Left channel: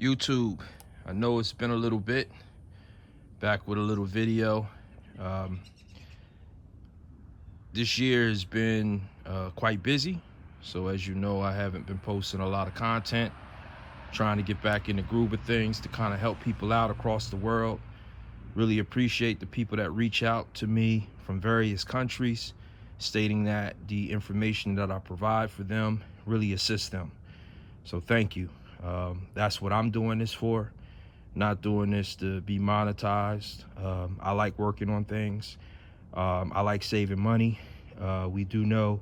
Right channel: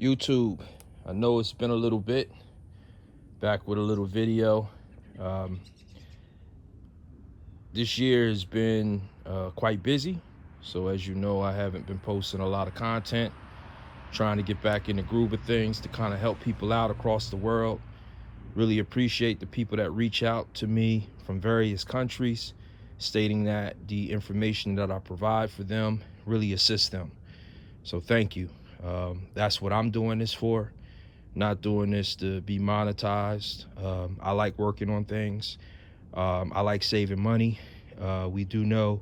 YouTube, I know it's been a little bit, back with a little video. Um, this year has been quite busy, so as you know, I haven't been posting a lot of content, trying to get back in the groove of things to kind of help people out across the world. Really appreciate the people that reach out to me from various countries, stating that the information that I provide for them really assists them. So thank you. That's what I'm doing this for. Not doing this to be monetized. I like working on things. I like saving money. We do know,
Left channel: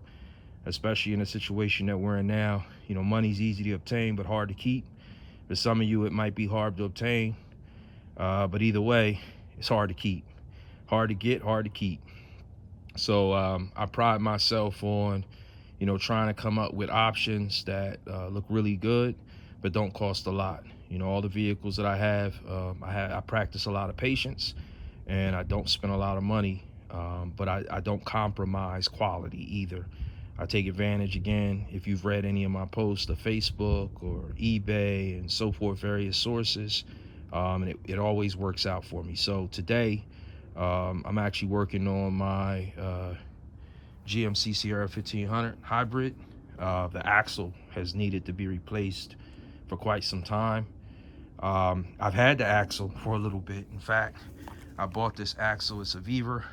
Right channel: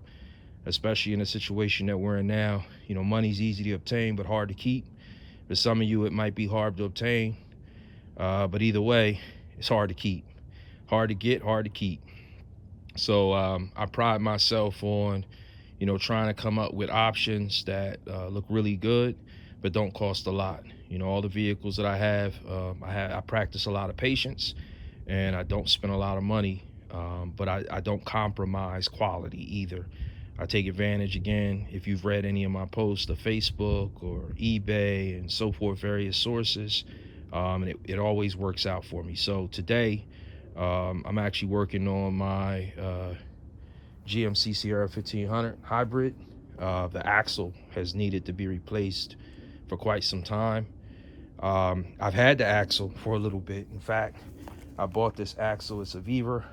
especially in the situation that we're in now, money's easy to obtain but hard to keep. For some of you, it might be hard to obtain, but either way, it's hard to keep. Hard to get, hard to keep. So I pride myself on, trying to come up with options that look really good, but don't cost a lot. All the vehicles that I have, I practice a lot of patience, and I don't spend a lot of money, but I don't compromise quality either. I take advantage, again, if you've read any of my posts to Facebook or eBay and so forth, various sources, and it always works out for me. So today, I'm actually working on my GMC Sierra 1500 hybrid. The axle has needed to be replaced for quite some time. I've had the axle for a little bit. In fact, I bought this axle. It's a Viver.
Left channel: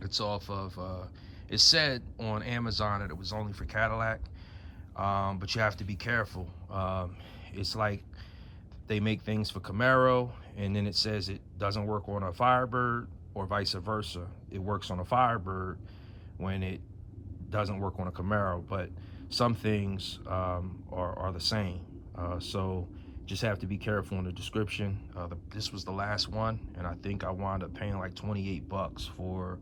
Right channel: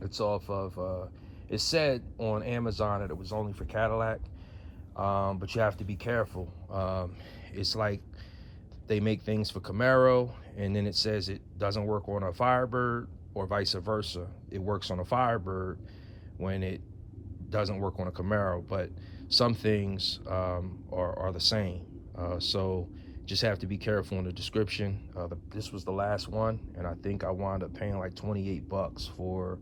It's off of, it said on Amazon that it was only for Cadillac, but you have to be careful. It's like they make things for Camaro, and then it says it doesn't work on a Firebird, or vice versa. It works on a Firebird when it doesn't work on a Camaro, but some things are the same. So just have to be careful in the description. This was the last one, and I think I wound up paying like 28 bucks for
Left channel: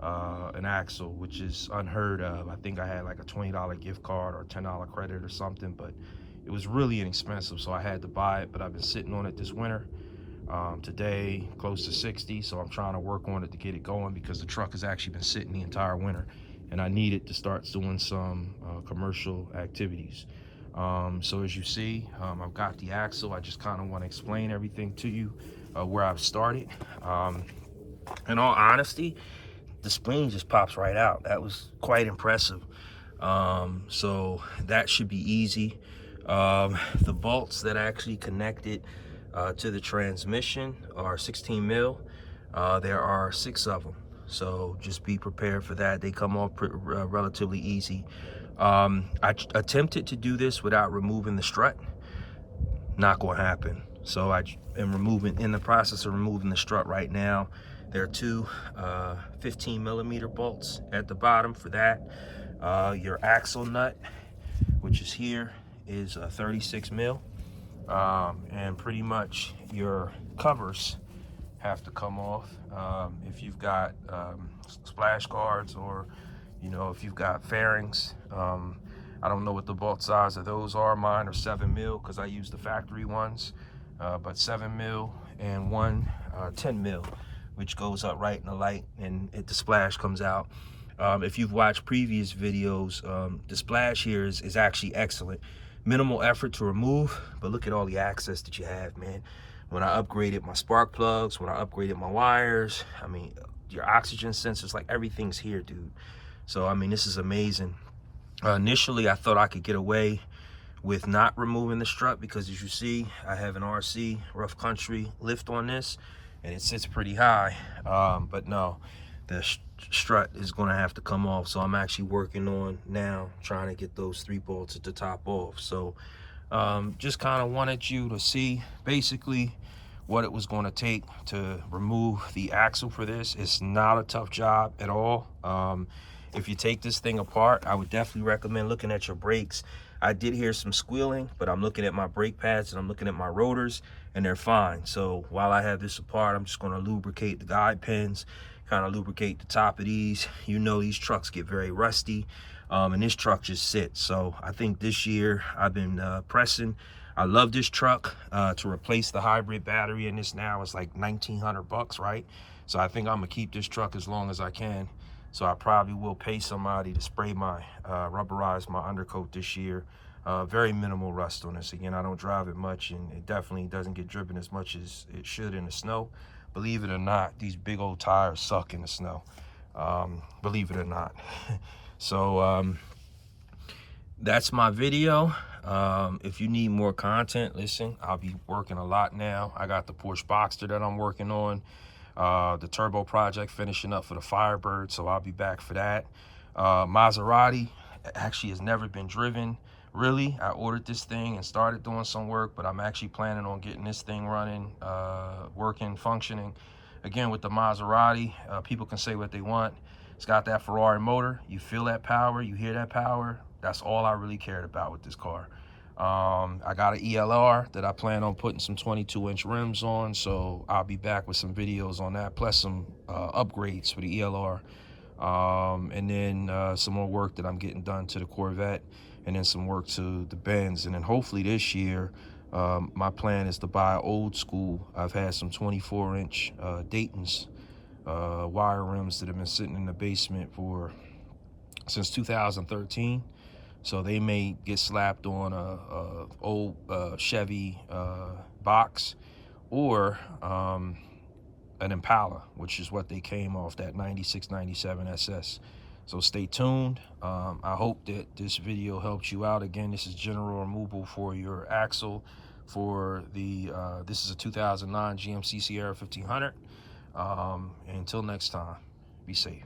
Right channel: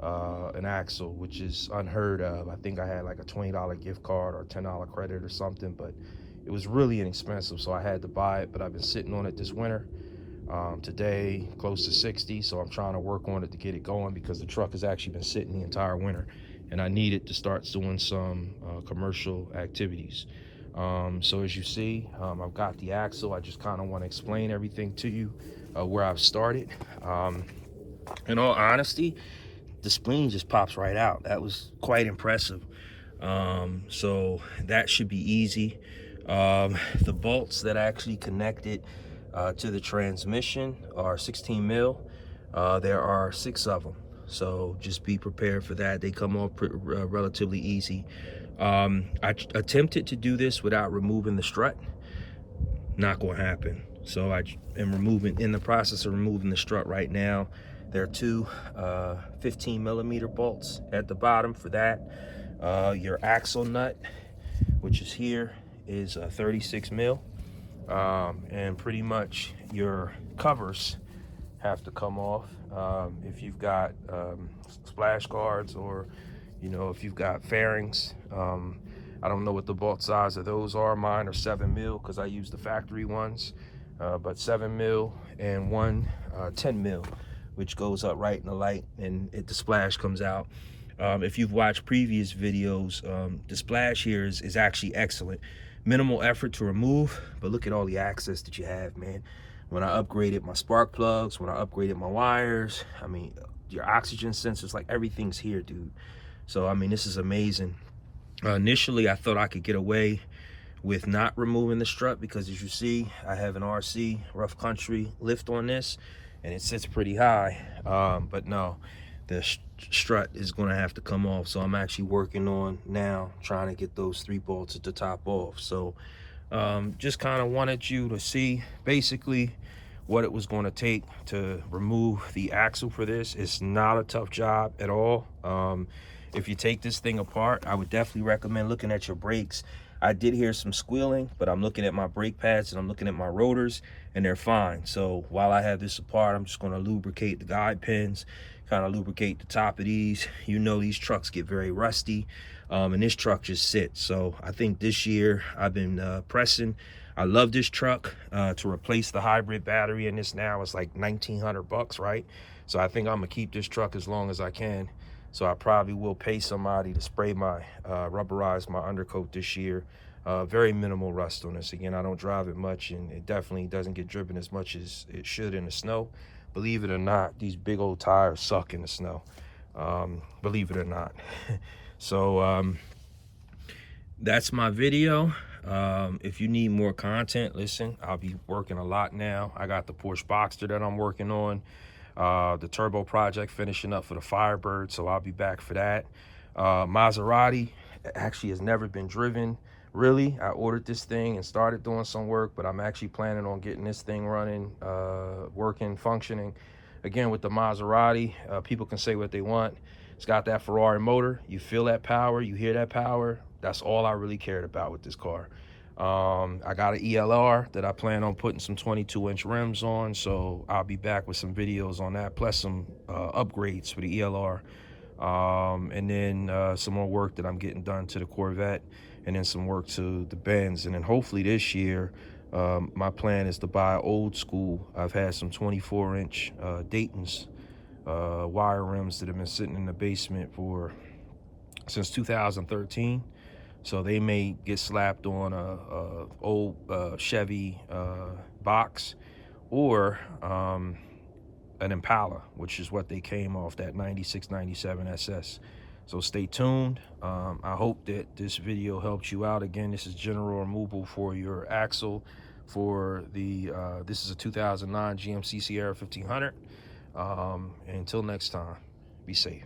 an axle, which is unheard of. I think I had like a $20 gift card or $10 credit or something, but it was really inexpensive, so I had to buy it. But I've been sitting on it this winter. Today, close to 60, so I'm trying to work on it to get it going, because the truck has actually been sitting the entire winter, and I need it to start doing some commercial activities. So as you see, I've got the axle. I just kind of want to explain everything to you, where I've started. In all honesty, the spleen just pops right out. That was quite impressive. So that should be easy. The bolts that actually connect it to the transmission are 16 mil. There are 6 of them, so just be prepared for that. They come off relatively easy. I attempted to do this without removing the strut. Not going to happen. So I am in the process of removing the strut right now. There are 2 15 millimeter bolts at the bottom for that. Your axle nut, which is here, is 36 mil. And pretty much your covers have to come off. If you've got splash guards, or if you've got fairings, I don't know what the bolt size of those are. Mine are 7 mil because I use the factory ones, but 7 mil, and one 10 mil, which goes up right in the light, and the splash comes out. If you've watched previous videos, the splash here is actually excellent. Minimal effort to remove, but look at all the access that you have, man. When I upgraded my spark plugs, when I upgraded my wires, I mean, your oxygen sensors, like everything's here, dude. So I mean, this is amazing. Initially, I thought I could get away with not removing the strut, because as you see, I have an RC rough country lift on this, and it sits pretty high. But no, the strut is going to have to come off. So I'm actually working on now trying to get those 3 bolts at the top off. So just kind of wanted you to see basically what it was going to take to remove the axle for this. It's not a tough job at all. If you take this thing apart, I would definitely recommend looking at your brakes. I did hear some squealing, but I'm looking at my brake pads and I'm looking at my rotors, and they're fine. So while I have this apart, I'm just going to lubricate the guide pins, kind of lubricate the top of these. These trucks get very rusty, and this truck just sits. So I think this year I've been pressing. I love this truck. To replace the hybrid battery in this now is like 1,900 bucks, right? So I think I'm gonna keep this truck as long as I can. So I probably will pay somebody to spray my, rubberize my undercoat this year. Very minimal rust on this. Again, I don't drive it much, and it definitely doesn't get driven as much as it should in the snow. Believe it or not, these big old tires suck in the snow. Believe it or not. So that's my video. If you need more content, listen, I'll be working a lot now. I got the Porsche Boxster that I'm working on, the turbo project finishing up for the Firebird, so I'll be back for that. Maserati actually has never been driven, really. I ordered this thing and started doing some work, but I'm actually planning on getting this thing running, working, functioning. Again, with the Maserati, people can say what they want. It's got that Ferrari motor. You feel that power, you hear that power. That's all I really cared about with this car. I got an ELR that I plan on putting some 22-inch rims on, so I'll be back with some videos on that, plus some upgrades for the ELR. And then some more work that I'm getting done to the Corvette, and then some work to the Benz. And then hopefully this year, my plan is to buy old school. I've had some 24-inch Dayton's wire rims that have been sitting in the basement since 2013. So they may get slapped on a old Chevy box, or an Impala, which is what they came off, that 96, 97 SS. So stay tuned. I hope that this video helps you out. Again, this is general removal for your axle for the this is a 2009 GMC Sierra 1500. Until next time, be safe.